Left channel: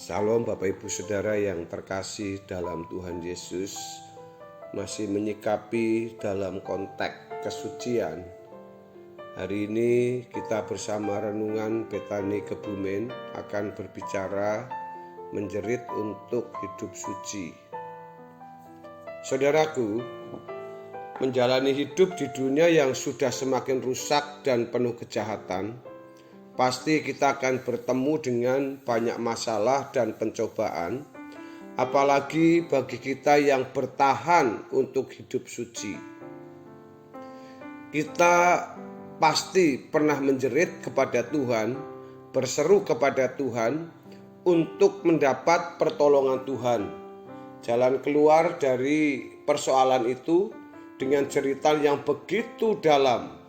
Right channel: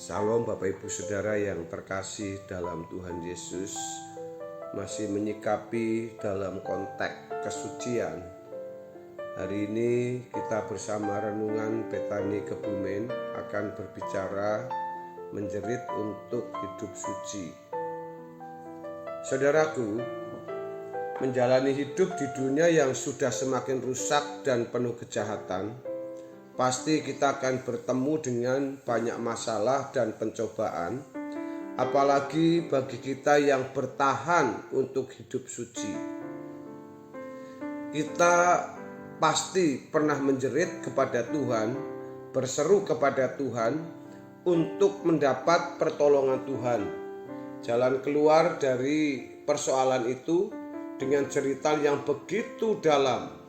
Salam Bapak Ibu Saudara yang terkasih dalam Tuhan Yesus. Masih menyikapi dalam konteks kesucian. Hari ini kita bersama Renungan Betani Kebumen akan berbicara menjerit untuk hidup suci. Saudaraku, menjalani hidup di dunia yang sudah semakin rusak dan penuh kejahatan, pasti kita akan bertemu dengan banyak masalah dan pencobaan, apalagi bagi kita yang bertahan untuk hidup suci. Kita pasti pernah menjerit kepada Tuhan, berseru kepada Tuhan untuk mendapat pertolongan Tuhan. Jalan keluar dari persoalan itu dengan cerita yang begitu dalam,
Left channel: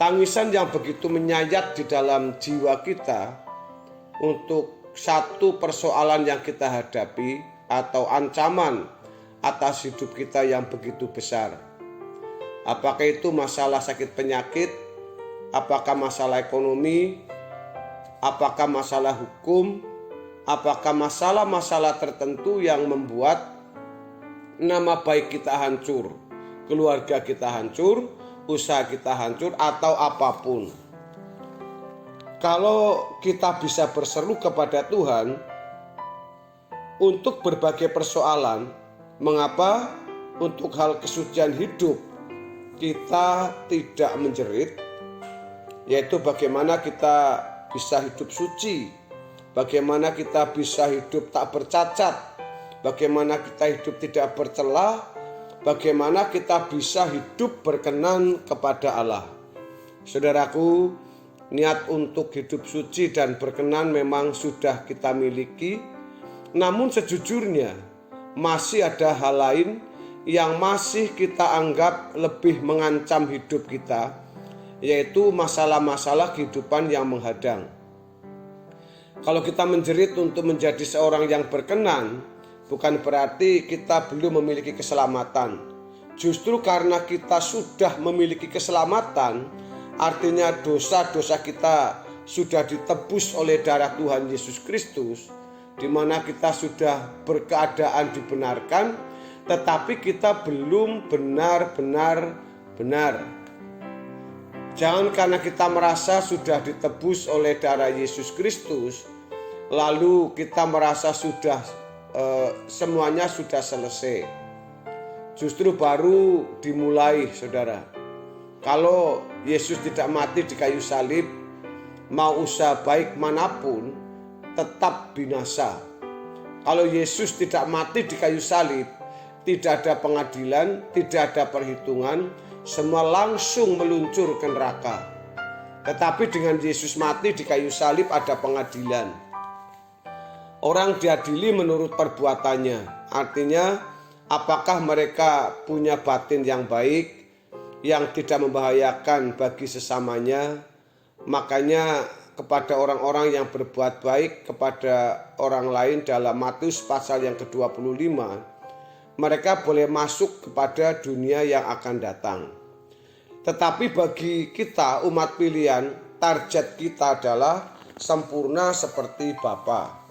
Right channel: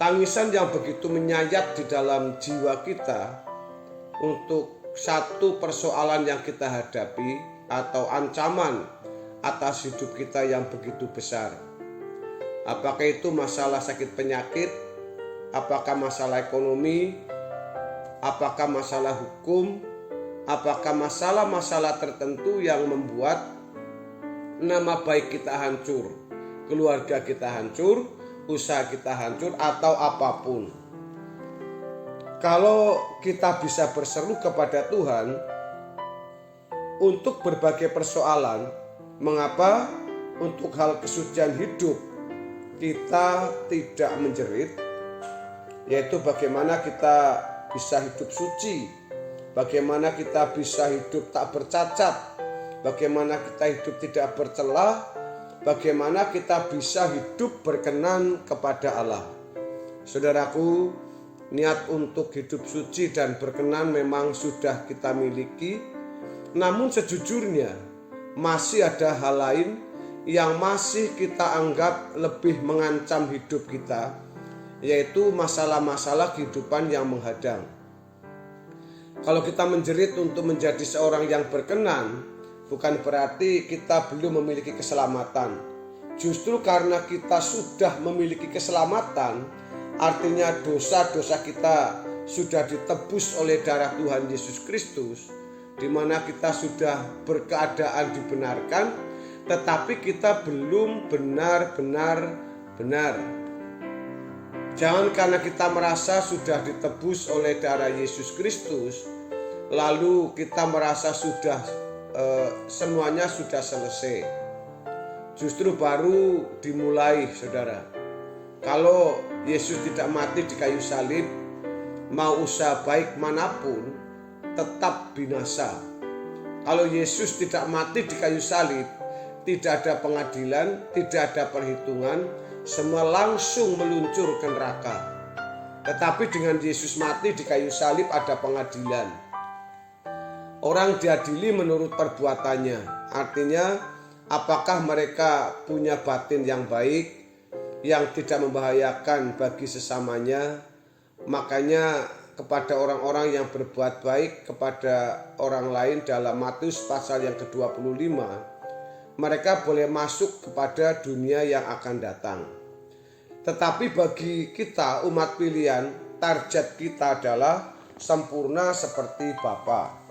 tangisan yang begitu menyayat di dalam jiwa kita untuk satu persoalan yang kita hadapi atau ancaman atas hidup kita yang begitu besar. Apakah itu masalah sakit penyakit, apakah masalah ekonomi, apakah masalah hukum, apakah masalah-masalah tertentu yang membuat nama baik kita hancur, keluarga kita hancur, usaha kita hancur, atau apapun. Kalau kita bisa berseru kepada Tuhan untuk berbagai persoalan, mengapa untuk hal kesucian hidup kita tidak menjerit? Yaitu bagaimana kita bisa hidup suci, bagaimana kita bisa hidup tak bercacat, bagaimana kita hidup tidak bercela, bagaimana kita bisa hidup berkenan kepada Allah. Saudaraku, niat untuk hidup suci dan berkenan memang sudah kita miliki, namun sejujurnya masih ada hal lain yang masih kita anggap lebih mengancam hidup kita, yaitu masalah-masalah kehidupan yang menghadang. Kalau kita menjerit untuk menjadi seorang yang berkenan, bukan berarti kita belum memiliki keselamatan. Justru karena kita sudah memiliki keselamatan, artinya dosa-dosa kita sudah ditebus oleh darah Tuhan Yesus Kristus, di mana kita sudah berkeadaan dibenarkan, tetapi kita belum benar-benar benar. Jangan karena kita merasa sudah ditebus oleh darah Yesus Kristus, lalu kita merasa sudah semuanya sudah selesai. Justru baru dimulai, saudara. Kalau Yesus tidak mati di kayu salib, mau usaha baik manapun tetap binasa. Kalau Yesus tidak mati di kayu salib, tidak ada pengadilan, tidak ada perhitungan, semua langsung meluncur ke neraka. Tetapi dengan Yesus mati di kayu salib ada pengadilan. Orang diadili menurut perbuatannya. Artinya, apakah mereka punya batin yang baik, yang tidak membahayakan bagi sesamanya. Makanya kepada orang-orang yang berbuat baik kepada orang lain dalam Matius pasal yang ke-25, mereka boleh masuk kepada dunia yang akan datang. Tetapi bagi kita umat pilihan, target kita adalah sempurna seperti Bapa,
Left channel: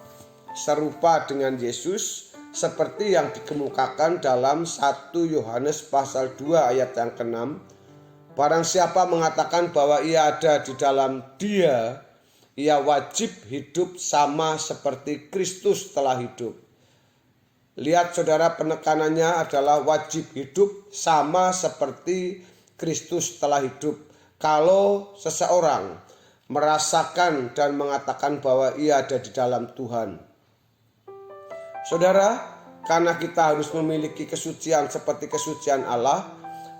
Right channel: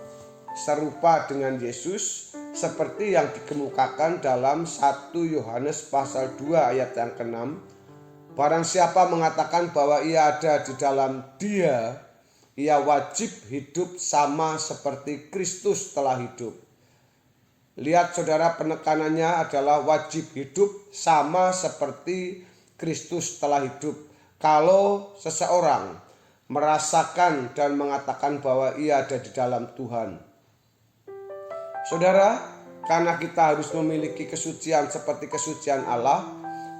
serupa dengan Yesus, seperti yang dikemukakan dalam 1 Yohanes pasal 2 ayat yang ke-6. Barang siapa mengatakan bahwa ia ada di dalam Dia, ia wajib hidup sama seperti Kristus telah hidup. Lihat saudara, penekanannya adalah wajib hidup sama seperti Kristus telah hidup. Kalau seseorang merasakan dan mengatakan bahwa ia ada di dalam Tuhan. Saudara, karena kita harus memiliki kesucian seperti kesucian Allah,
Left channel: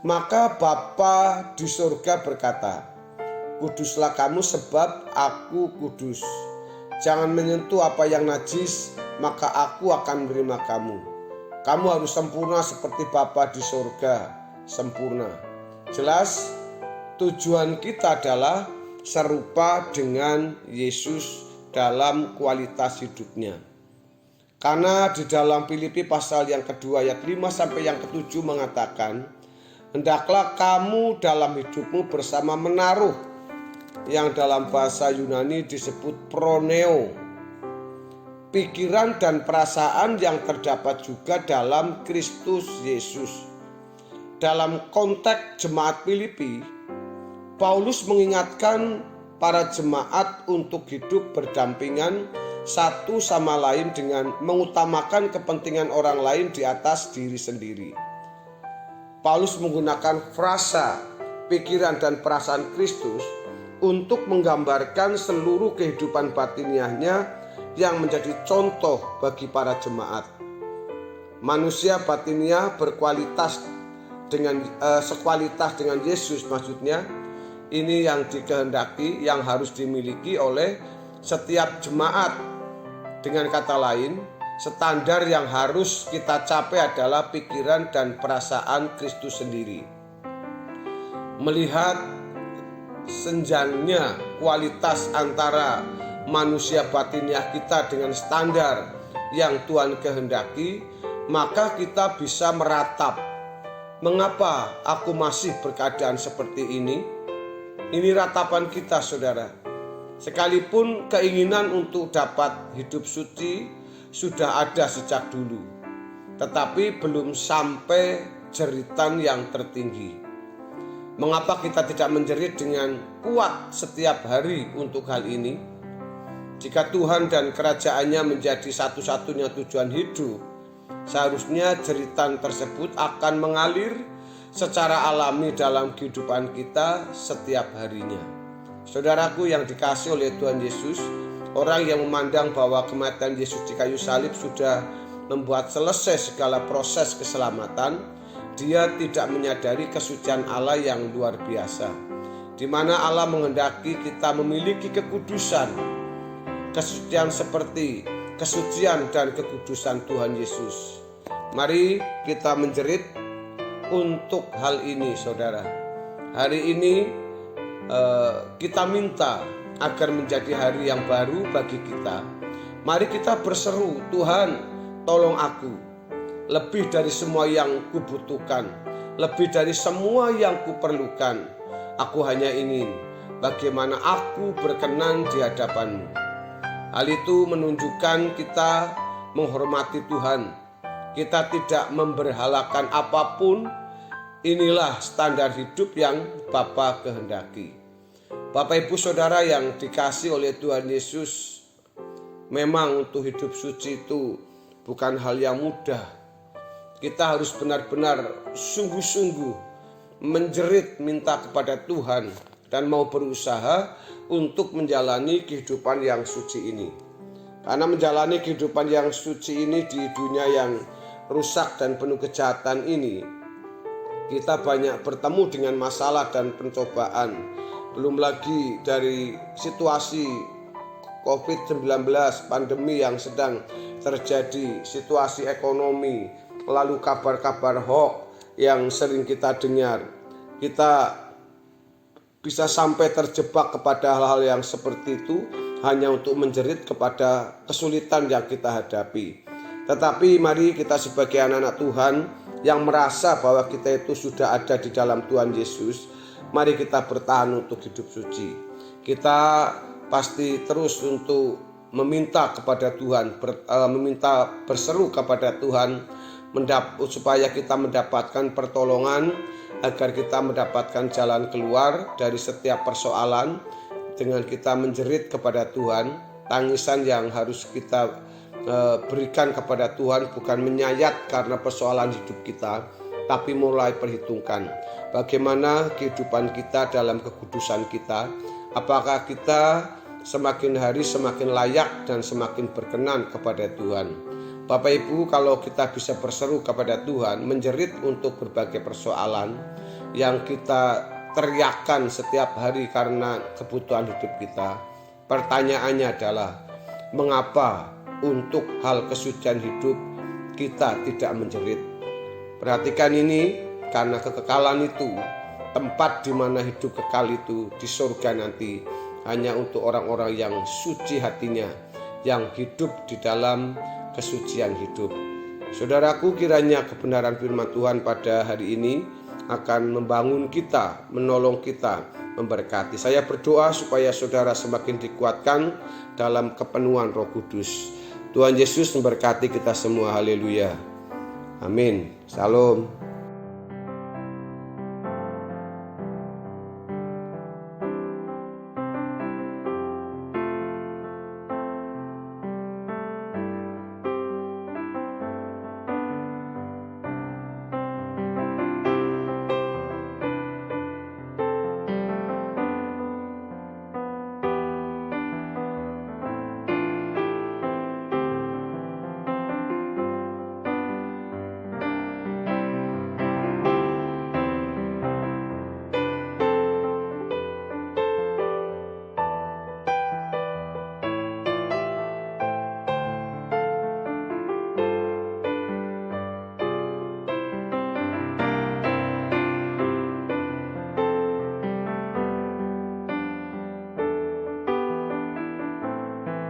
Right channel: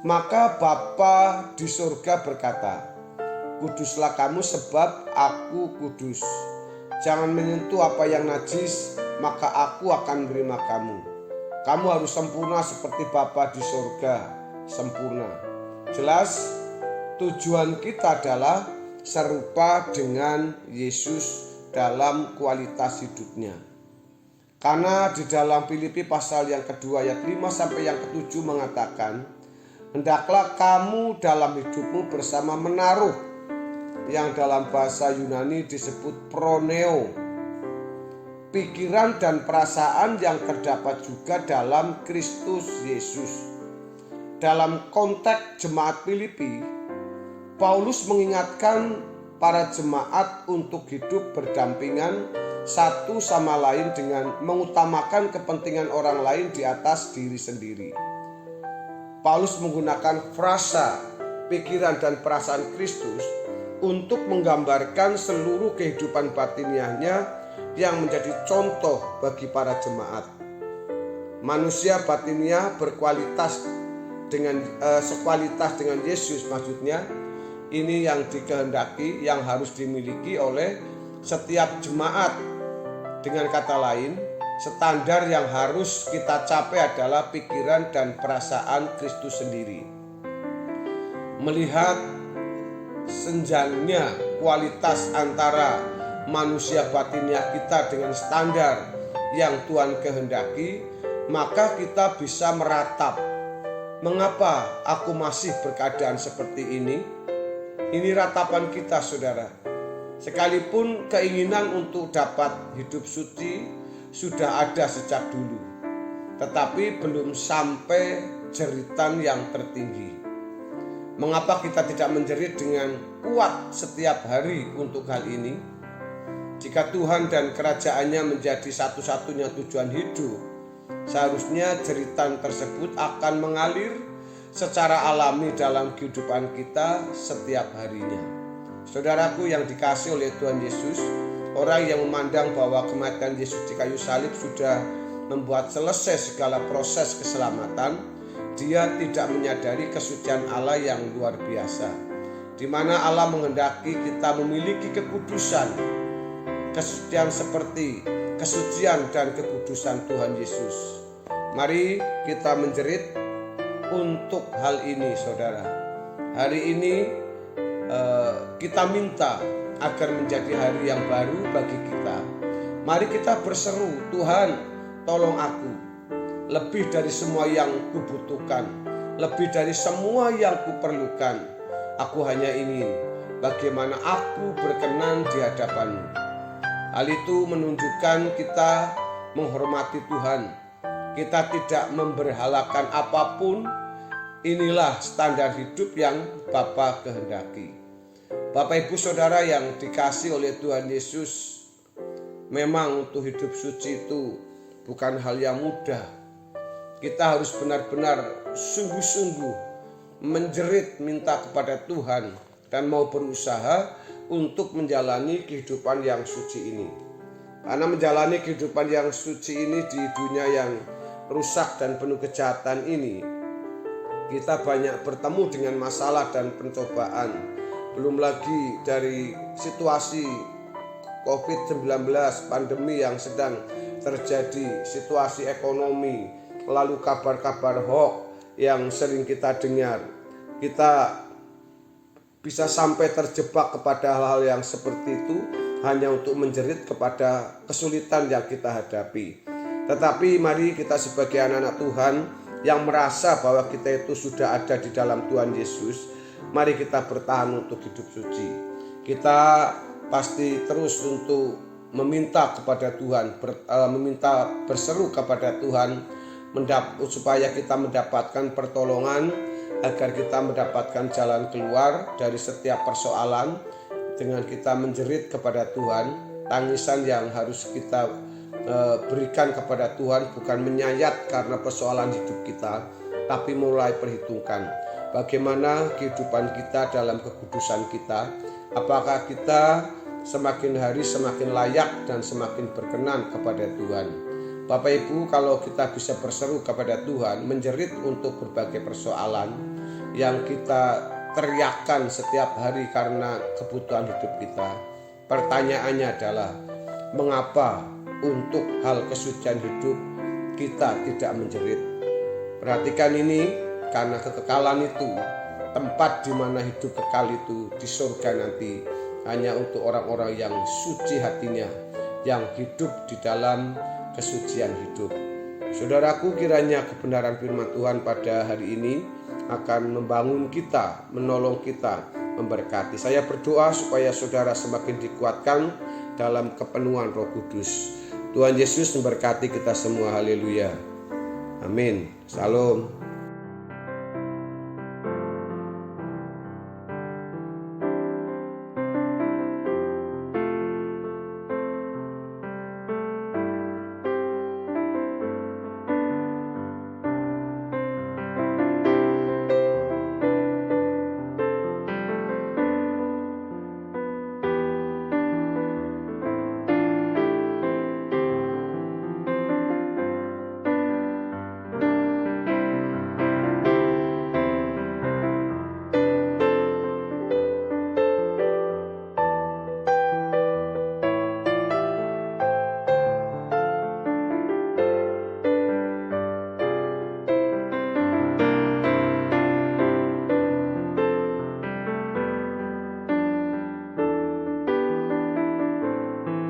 maka Bapa di surga berkata, "Kuduslah kamu sebab aku kudus. Jangan menyentuh apa yang najis, maka aku akan menerima kamu. Kamu harus sempurna seperti Bapa di surga sempurna." Jelas, tujuan kita adalah serupa dengan Yesus dalam kualitas hidupnya. Karena di dalam Filipi pasal yang kedua ayat 5 sampai yang ke-7 mengatakan, "Hendaklah kamu dalam hidupmu bersama menaruh," yang dalam bahasa Yunani disebut proneo, pikiran dan perasaan yang terdapat juga dalam Kristus Yesus. Dalam konteks jemaat Filipi, Paulus mengingatkan para jemaat untuk hidup berdampingan satu sama lain dengan mengutamakan kepentingan orang lain di atas diri sendiri. Paulus menggunakan frasa pikiran dan perasaan Kristus untuk menggambarkan seluruh kehidupan batiniahnya yang menjadi contoh bagi para jemaat. Manusia batiniah berkualitas sekualitas dengan Yesus, maksudnya ini yang dikehendaki, yang harus dimiliki oleh setiap jemaat. Dengan kata lain, standar yang harus kita capai adalah pikiran dan perasaan Kristus sendiri. Melihat senjangnya kualitas antara manusia batiniah kita dengan standar yang Tuhan kehendaki, maka kita bisa meratap, mengapa aku masih berkeadaan seperti ini? Ini ratapan kita, saudara. Sekalipun keinginan untuk dapat hidup suci sudah ada sejak dulu, tetapi belum sampai jeritan yang tertinggi. Mengapa kita tidak menjerit dengan kuat setiap hari untuk hal ini? Jika Tuhan dan kerajaannya menjadi satu-satunya tujuan hidup, seharusnya jeritan tersebut akan mengalir secara alami dalam kehidupan kita setiap harinya. Saudaraku yang dikasihi oleh Tuhan Yesus, orang yang memandang bahwa kematian Yesus di kayu salib sudah membuat selesai segala proses keselamatan, dia tidak menyadari kesucian Allah yang luar biasa, di mana Allah menghendaki kita memiliki kekudusan, kesucian seperti kesucian dan kekudusan Tuhan Yesus. Mari kita menjerit untuk hal ini, saudara. Hari ini kita minta agar menjadi hari yang baru bagi kita. Mari kita berseru, Tuhan tolong aku, lebih dari semua yang kubutuhkan, lebih dari semua yang kuperlukan. Aku hanya ingin bagaimana aku berkenan di hadapan-Mu. Hal itu menunjukkan kita menghormati Tuhan. Kita tidak memberhalakan apapun. Inilah standar hidup yang Bapa kehendaki. Bapak Ibu Saudara yang dikasihi oleh Tuhan Yesus, memang untuk hidup suci itu bukan hal yang mudah. Kita harus benar-benar sungguh-sungguh menjerit minta kepada Tuhan dan mau berusaha untuk menjalani kehidupan yang suci ini. Karena menjalani kehidupan yang suci ini di dunia yang rusak dan penuh kejahatan ini, kita banyak bertemu dengan masalah dan pencobaan. Belum lagi dari situasi COVID-19, pandemi yang sedang terjadi, situasi ekonomi, lalu kabar-kabar hoax yang sering kita dengar. Kita bisa sampai terjebak kepada hal-hal yang seperti itu hanya untuk menjerit kepada kesulitan yang kita hadapi. Tetapi mari kita sebagai anak-anak Tuhan yang merasa bahwa kita itu sudah ada di dalam Tuhan Yesus, mari kita bertahan untuk hidup suci. Kita pasti terus untuk meminta kepada Tuhan, meminta berseru kepada Tuhan supaya kita mendapatkan pertolongan, agar kita mendapatkan jalan keluar dari setiap persoalan dengan kita menjerit kepada Tuhan. Tangisan yang harus kita berikan kepada Tuhan bukan menyayat karena persoalan hidup kita, tapi mulai perhitungkan bagaimana kehidupan kita dalam kekudusan kita. Apakah kita semakin hari semakin layak dan semakin berkenan kepada Tuhan. Bapak Ibu, kalau kita bisa berseru kepada Tuhan, menjerit untuk berbagai persoalan yang kita teriakkan setiap hari karena kebutuhan hidup kita, pertanyaannya adalah, mengapa untuk hal kesucian hidup kita tidak menjerit? Perhatikan ini, karena kekekalan itu, tempat di mana hidup kekal itu di surga nanti hanya untuk orang-orang yang suci hatinya, yang hidup di dalam kesucian hidup. Saudaraku, kiranya kebenaran firman Tuhan pada hari ini akan membangun kita, menolong kita, memberkati. Saya berdoa supaya saudara semakin dikuatkan dalam kepenuhan Roh Kudus. Tuhan Yesus memberkati kita semua. Haleluya. Amin. Shalom.